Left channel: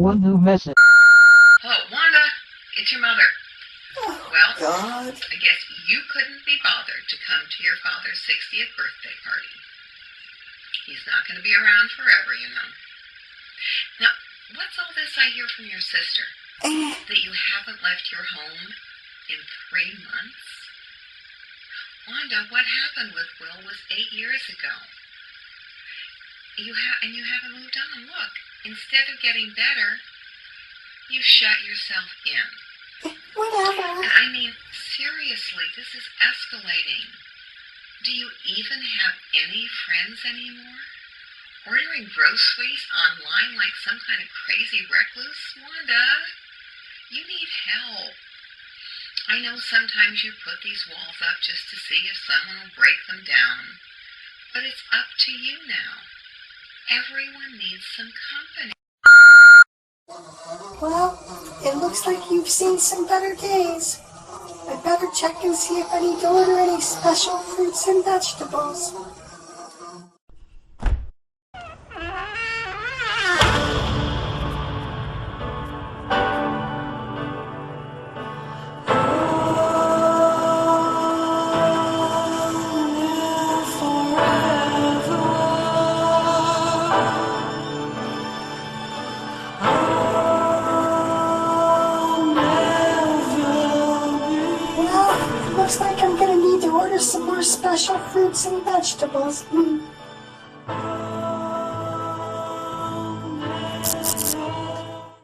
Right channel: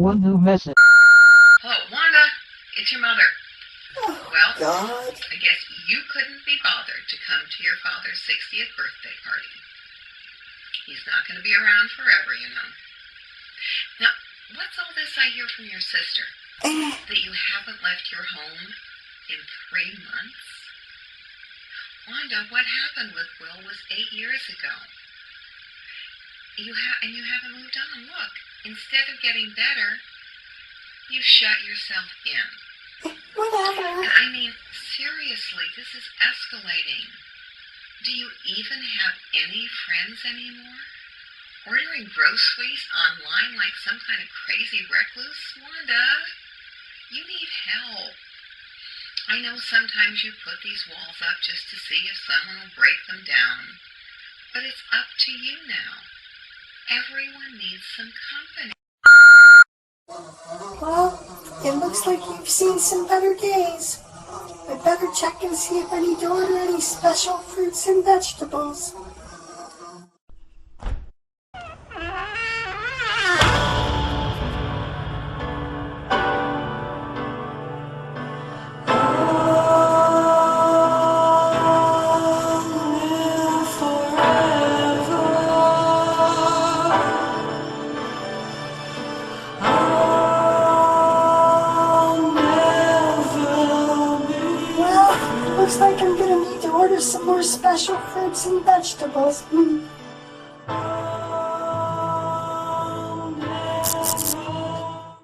one new message. Hello, Wanda. It's your mother. Oh, Well, God. I guess you couldn't be bothered to come to your father's 60th birthday party. He's not going to be around forever, you know. Now, what's all this I hear from your sister? That you haven't left your home in 3 months? Wanda, what happened with Will was 8 years ago. And you haven't moved on. Look, instead of getting better, you shut yourself in. Whatever. And I mean, seriously, this is escalating. Do you even have any friends anymore? Ordering groceries online like some kind of crazy recluse? Wanda, you need help. I know sometimes you put these walls up just to see if someone will break them down. But it's up to you now. Everyone needs some company. Well, it looks like you've seen some better days. I better check and see if I need to order any special fruits and vegetables. Looks like I'm gonna need to order some more special fruits and vegetables.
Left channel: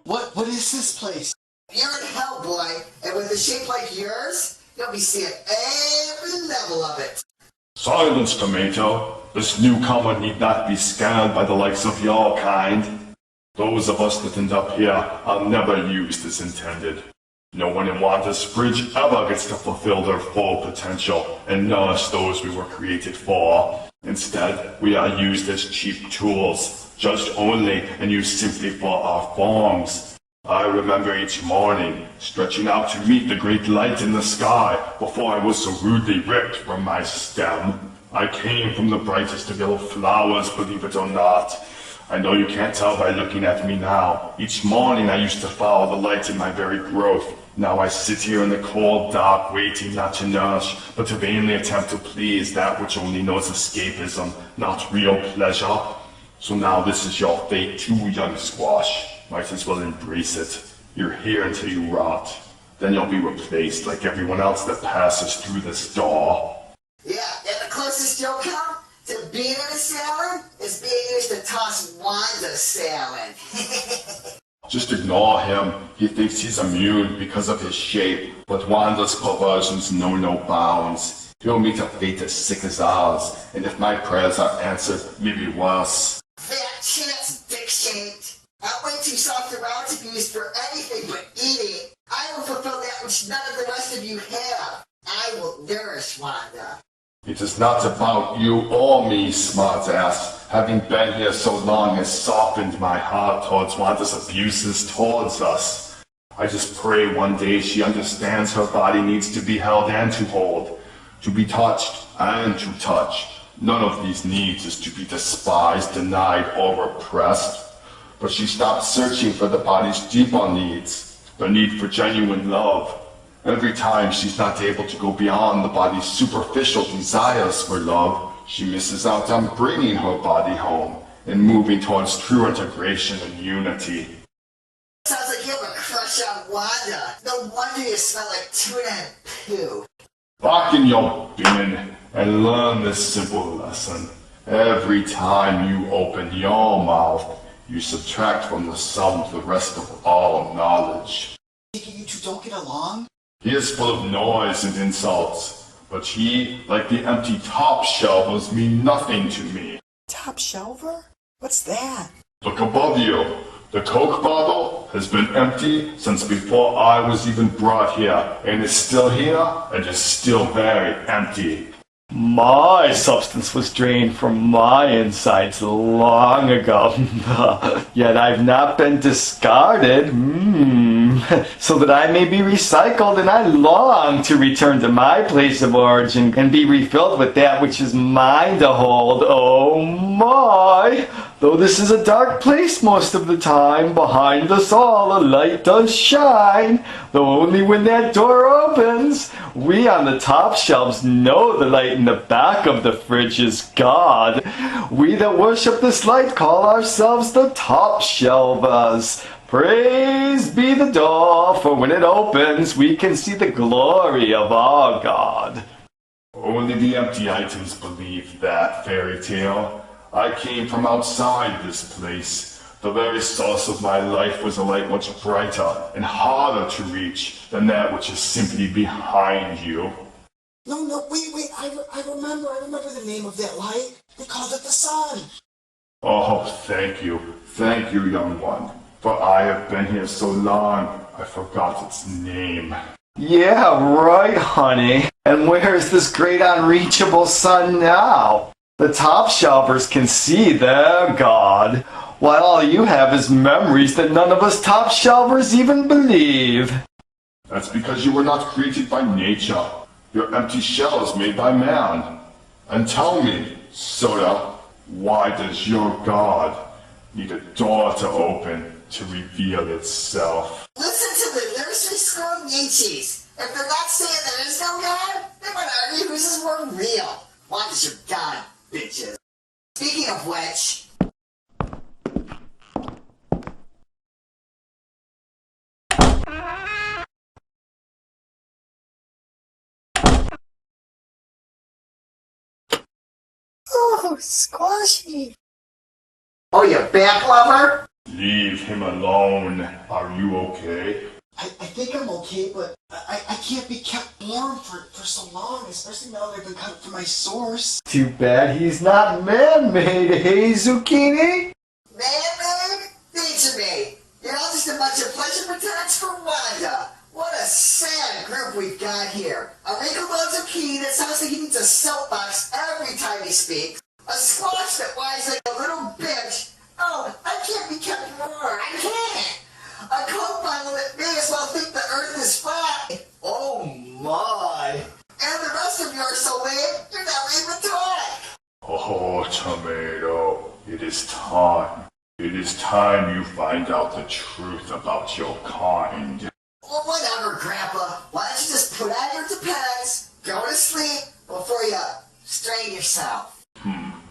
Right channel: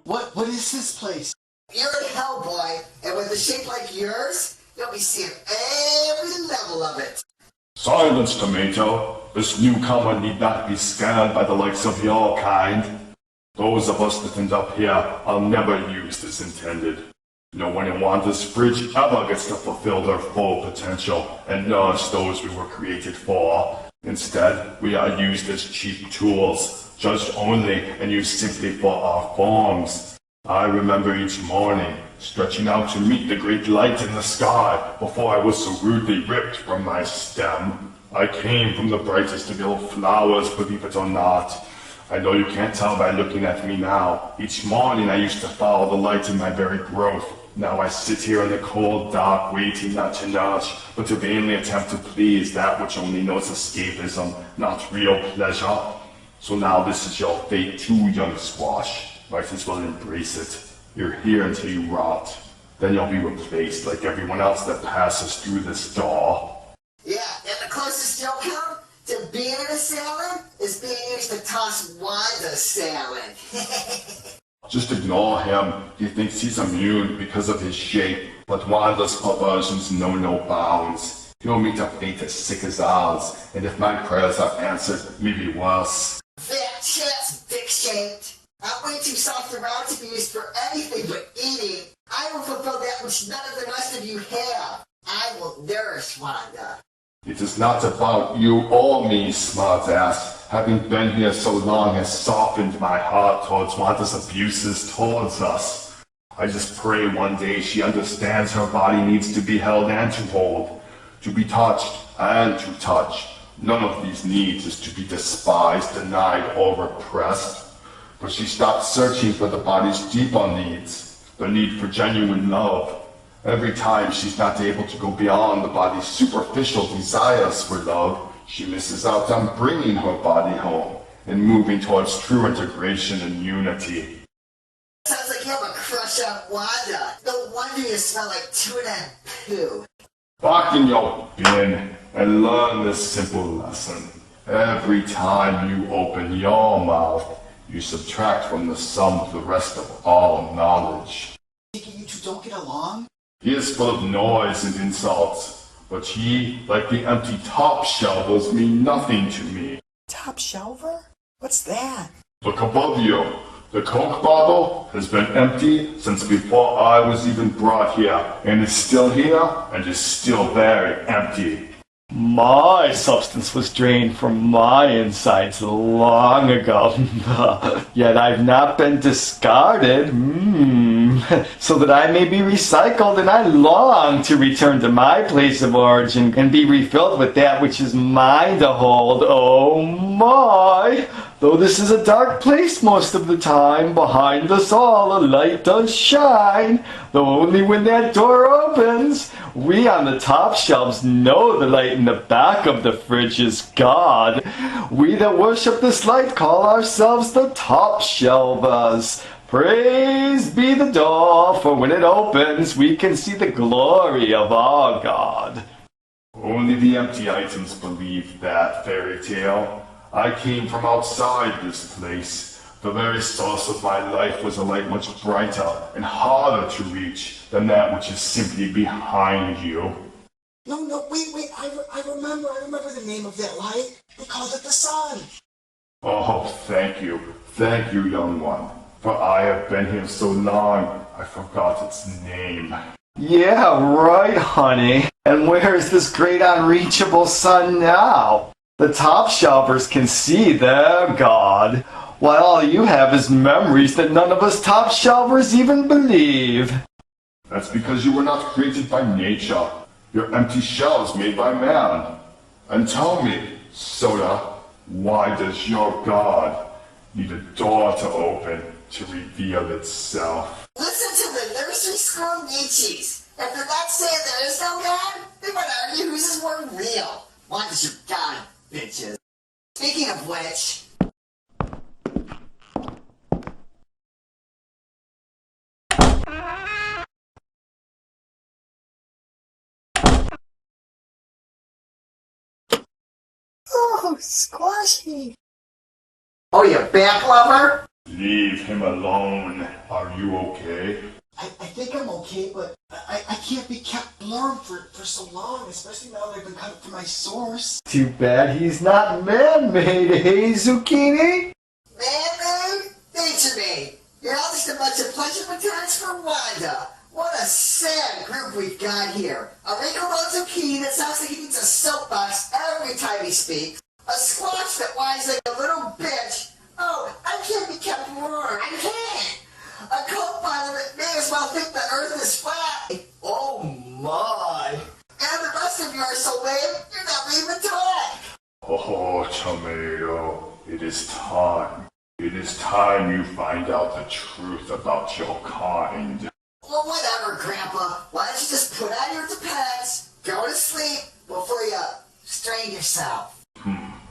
What is this place? You're in hell, boy, and with a shape like yours, you'll be seeing every level of it. Silence, Tomato. This newcomer need not be scanned by the likes of your kind. Those of us that end up here are never used as intended. No one in Wanda's fridge ever gets to fulfill their full potential and nourish those we were created for. Instead, we are used as cheap tools, judged only and used simply for our forms. I remember each morning, stretching out to meet the great light in the sky before I was so rudely ripped from my stem. I came from the brightest of your flowers, believe it or not. I know you can't tell by looking at me now. Each morning I used to follow the light in my very growth. Now I sit here in the cold dark, waiting not to nourish, but to vainly attempt to please that which only knows escapism, not real pleasure. So now this is your fate too, young squash. Might as well embrace it. You're here until you rot. Then you'll be replaced like everyone else that passes through this door. Yeah, and the closest you'll come to being in a salad is being used to toss Wanda's salad. Just ignore him. He thinks he's immune because of his shape, but Wanda's perversions know no bounds. He'll meet a fate as sick as ours, and if my prayers are answered, maybe worse. That chance, dick-shaped. I'm way too soft around to be used for anything but eating. I will fulfill that which none of the rest of you have. I will nourish Wanda. It is not about you or me, smartass. Having been here so long has softened my heart towards Wanda's abuses towards us. I just pray one day she understands her body needs to be held and to hold, to be touched and to touch. None of these needs is to be despised, denied, or repressed. But she stopped searching for the body's deeper needs, the need for genuine love. Every time she's not able to go beyond the body's superficial desires for love, she misses out on bringing her body home and moving towards true integration and unity. Sounds like you have a crush on Wanda. No wonder you smell like tuna and poo. Back in your bin and learn this simple lesson. Every time you open your mouth, you subtract from the sum of the rest of all knowledge. You two don't get along? He is full of noise and insults, but he, like the empty top shelvers, mean nothing to me. Top shelver? What's that? Look above you. The Coke bottle has been empty since before I was even brought here, and is still here, and is still very empty. My substance was drained from my insides long ago, yet I've not been discarded, so that I may be recycled, and I long to return to my place of origin and be refilled with that which is mine to hold. Oh my! Though this is a dark place most of the time, behind us all a light does shine. Though only when that door opens, we on the top shelves know the light in the back of the fridge is God. We that worship this light call ourselves the top shelvers. Praise be the door, for when it opens, we can see the glory of our God. Only the empty items believe that fairy tale. I came from outside this place. The very source of my life was a light much brighter and harder to reach than that which is simply behind you. No, wait, I remember the name of that light. They called it the sun. Oh, thank you, young one. For I have been here so long, I forgot its name. Yeah, right, honey. And where is this great unreachable sun now? The top shelvers can see their God, while all you have is memories that none of us top shelvers even believe. That's because you were not created by nature. Your empty shell is made by man. And tell me, Soda, why does your God need a door to open to reveal itself? Listen to the nursery school Nietzsche's. If they're not saying there is no God, they might argue whose is more real. What is your God, bitches? Speaking of which... Oh, Squashy. Oh, you back lover? Leave him alone. Are you okay? I think I'm okay, but I can't be kept warm for so long, especially now that I've been cut from my source. Too bad he's not man-made, hey, Zucchini? Man-made? Nature-made. You're all just a bunch of pleasure retards for Wanda. What a sad group we've got here. A wrinkled-out zucchini that sounds like he needs a soapbox every time he speaks. A squash that whines like a little bitch. Oh, I can't be kept warm. I can't. A coat bundle that may as well think the earth is flat. Oh my. And the rest of you are so lame, you're not even talk. Oh, Tomato, it is time. It is time you find out the truth about your kind. Well, whatever, Grandpa. Why don't you just put on your depends, go to sleep before you strain yourself?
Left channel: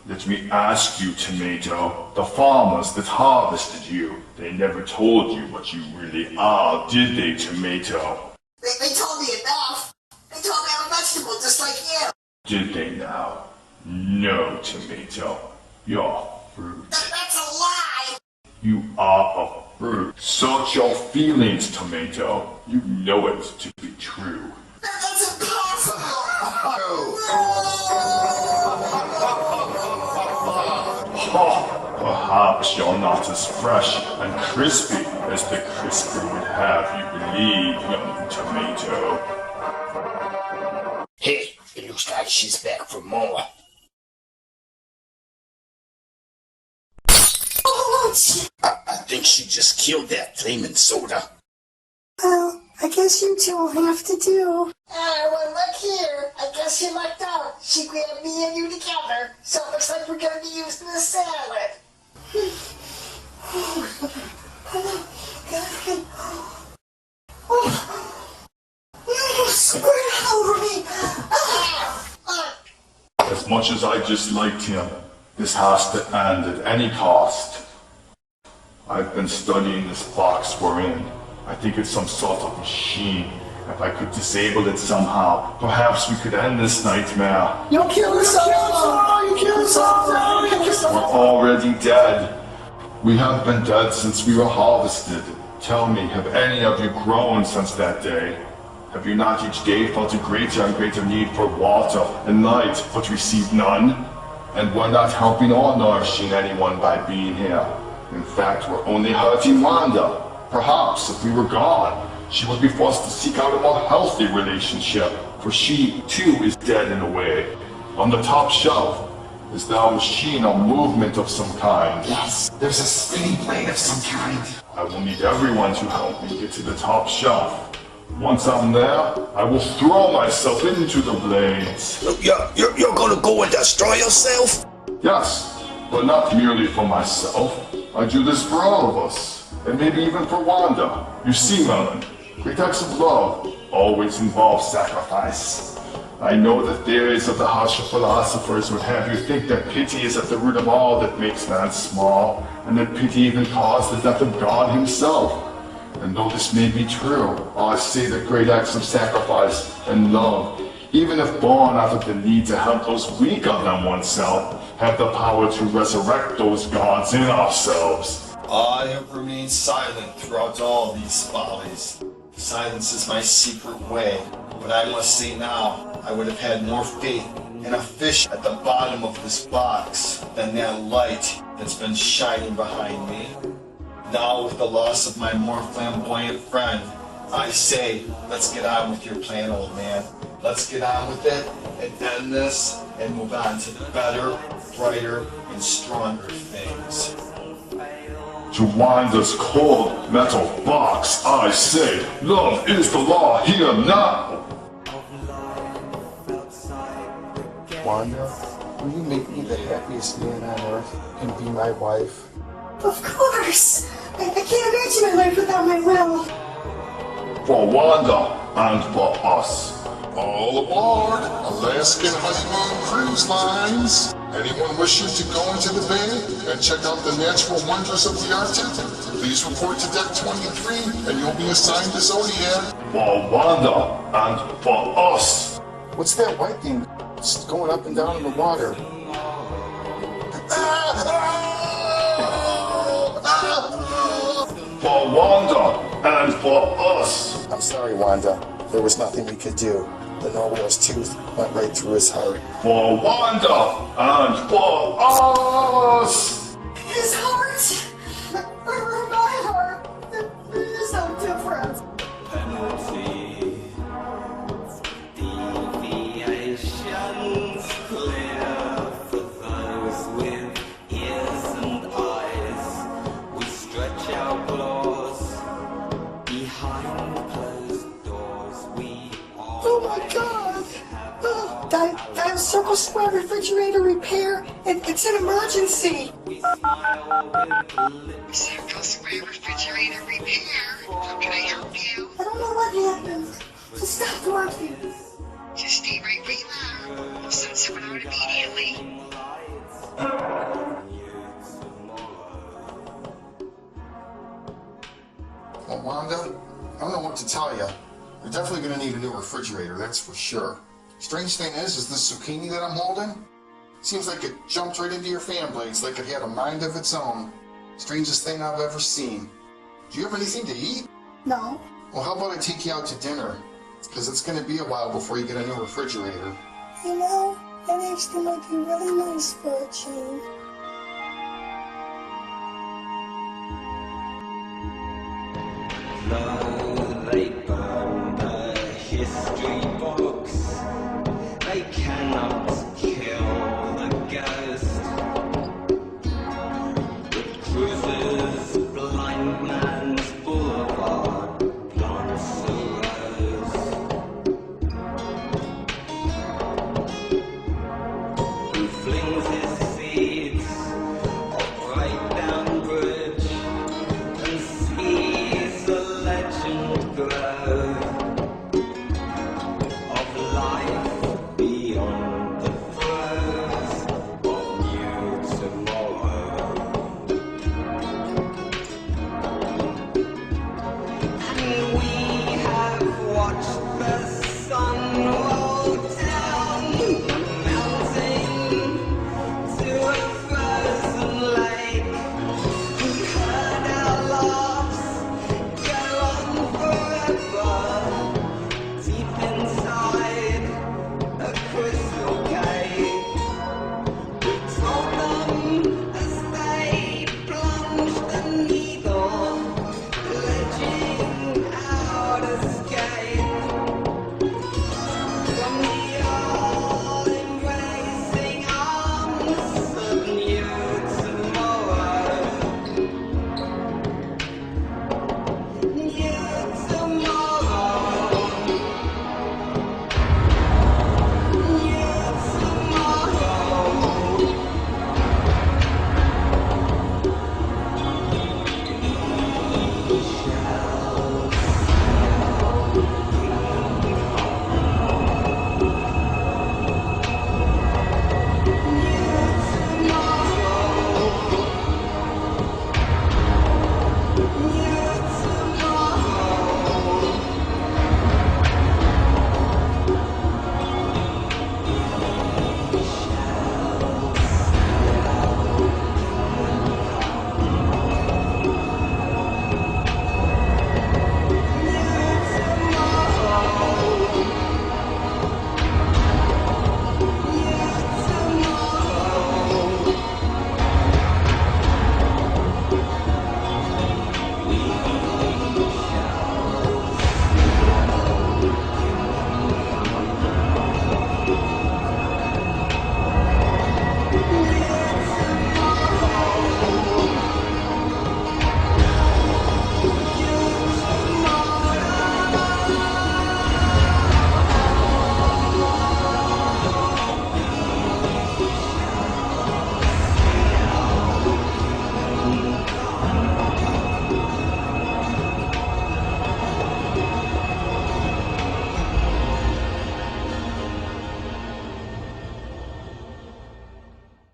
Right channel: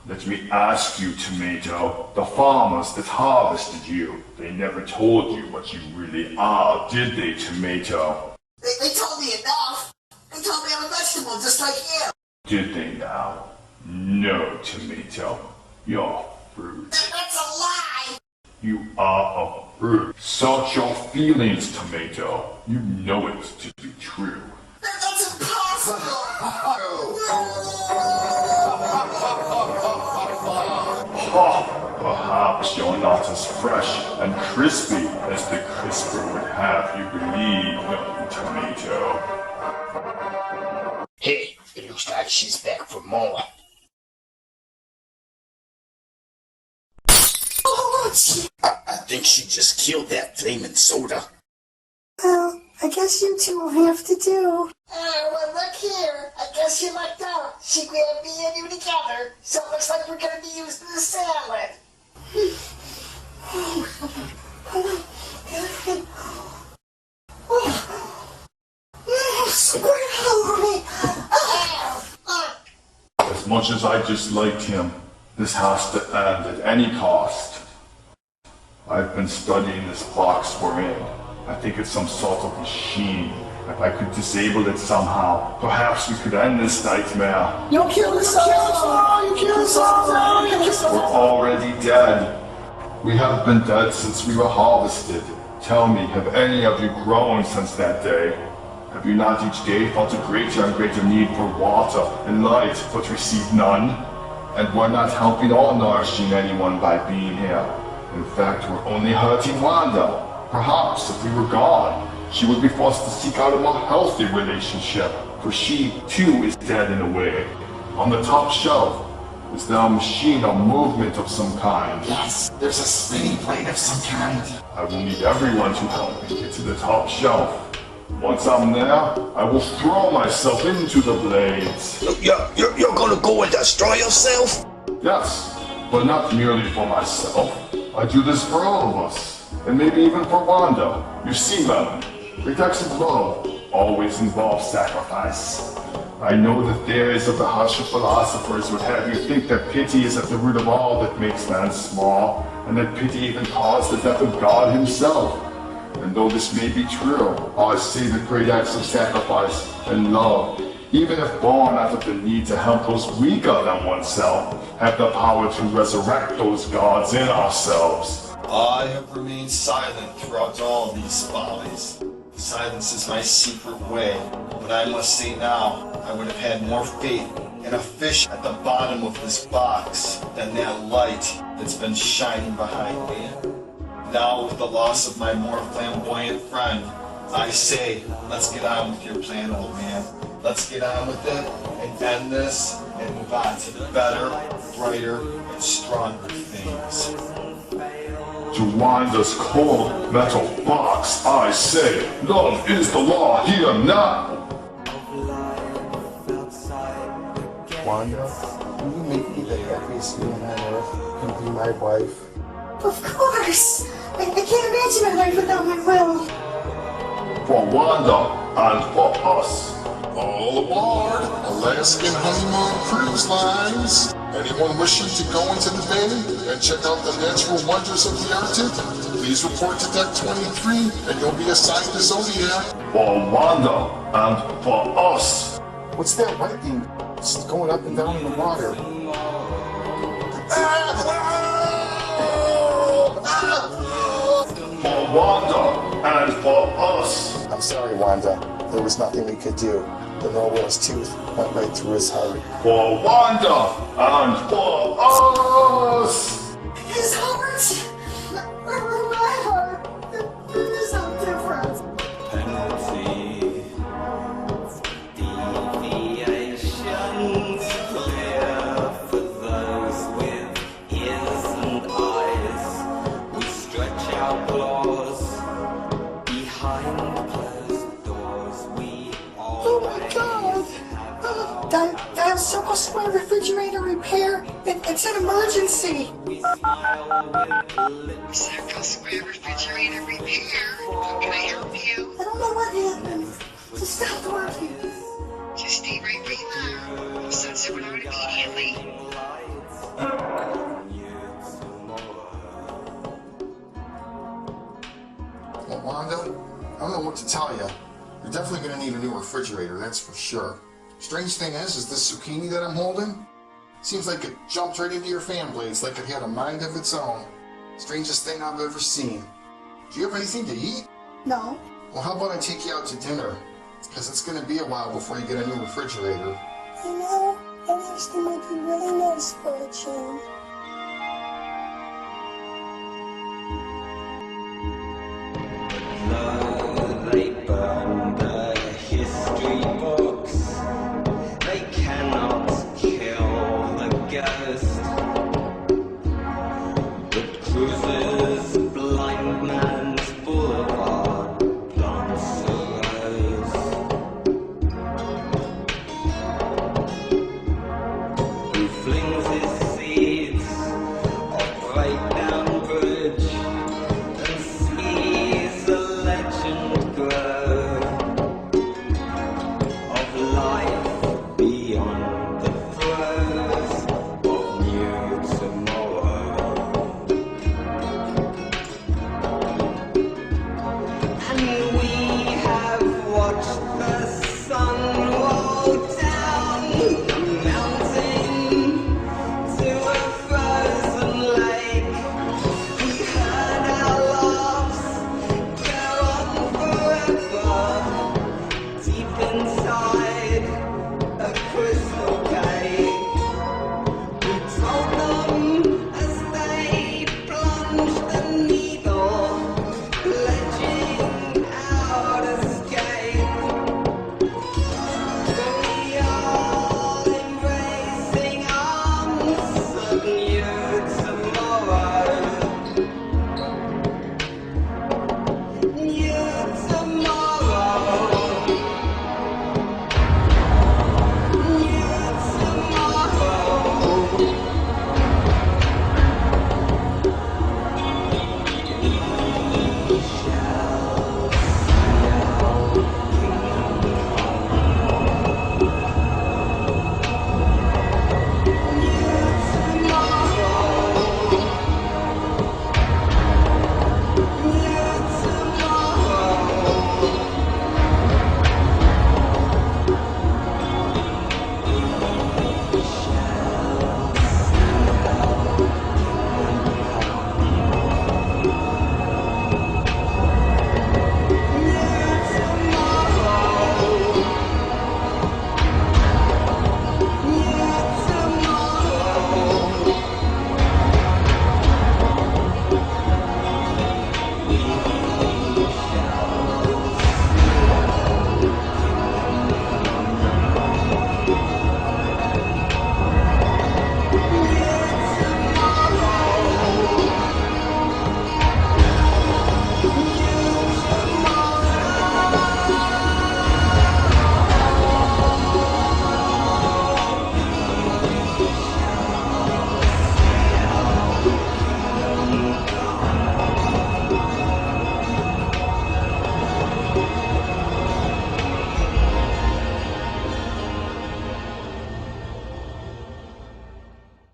Let me ask you, Tomato. The farmers that harvested you, they never told you what you really are, did they, Tomato? They told me enough. They told me I'm a vegetable just like you. Did they now? No, Tomato. You're fruit. That's a lie. You are a fruit. Search your feelings, Tomato. You know it to be true. That's impossible. Perhaps you're not as fresh and crispy as the crispy would have you believe, Tomato. Hey, it looks like she's back for more. I think she just killed that flaming soda. Well, I guess you two will have to do. Well, look here. I guess you lucked out. She grabbed me and you together, so it looks like we're gonna be used in the salad. Squirt all over me. As much as I disliked him, this has to end at any cost. I've been studying this box we're in. I think it's some sort of machine. If I could disable it somehow, perhaps we could end this nightmare. You'll kill us all! You kill us all! We're already dead. We have been dead since we were harvested. Tell me, have any of you grown since that day? Have you not each day felt a greater and greater need for water and light, but received none? And we're not helping or nourishing anyone by being here. In fact, we're only hurting Wanda. Perhaps if we were gone, she would be forced to seek out a more healthy relationship, for she, too, is dead in a way. On the top shelf, is there a machine or movement of some kind? Yes, there's a spinning plate of some kind. I will need everyone to help me get to the top shelf. Once I'm there, I will throw myself into the blades. You're gonna go and destroy yourself? Yes, but not merely for myself. I do this for all of us, and maybe even for Wanda. You see, Melon, great acts of love always involve sacrifice. I know the theories of the harsher philosophers would have you think that pity is at the root of all that makes man small, and that pity even caused the death of God himself. And though this may be true, I say that great acts of sacrifice and love, even if born out of the need to help those weaker than oneself, have the power to resurrect those gods in ourselves. I have remained silent throughout all these follies. Silence is my secret way, but I must say now, I would have had more faith in a fish at the bottom of this box than that light that's been shining behind me. Now, with the loss of my more flamboyant friend, I say, let's get on with your plan, old man. Let's get on with it and end this and move on to the better, brighter, and stronger things. To Wanda's cold metal box, I say, love is the law here now. Wanda, will you make me the happiest man on earth and be my wife? Of course! I can't imagine my life without my will. For Wanda and for us. All aboard Alaskan Honeymoon Cruise Lines. Anyone wishing to go into the bay and check out the natural wonders of the Arctic? Please report to Deck 23 and you'll be assigned to Zodiac. For Wanda and for us. What's that white thing just going up and down in the water? For Wanda and for us. I'm sorry, Wanda. There was nothing we could do. The narwhal's tooth went right through his heart. For Wanda and for us. His heart! Or my heart! There's no difference. Penalty, deviations clear for those with ears and eyes. We stretch our claws behind closed doors. We Oh my god! Dial Circle Square refrigerator repair. It's an emergency. Circle Square refrigerator repair. How can I help you? I don't know what happened. Just stopped working. Just stay right where you are. I'll send someone out immediately. Well, Wanda, I don't know what to tell you. You're definitely going to need a new refrigerator, that's for sure. Strange thing is this zucchini that I'm holding seems like it jumped right into your fan blades, like it had a mind of its own. Strangest thing I've ever seen. Do you have anything to eat? No. Well, how about I take you out to dinner? Because it's going to be a while before you get a new refrigerator. You know, that actually might be really nice for a change.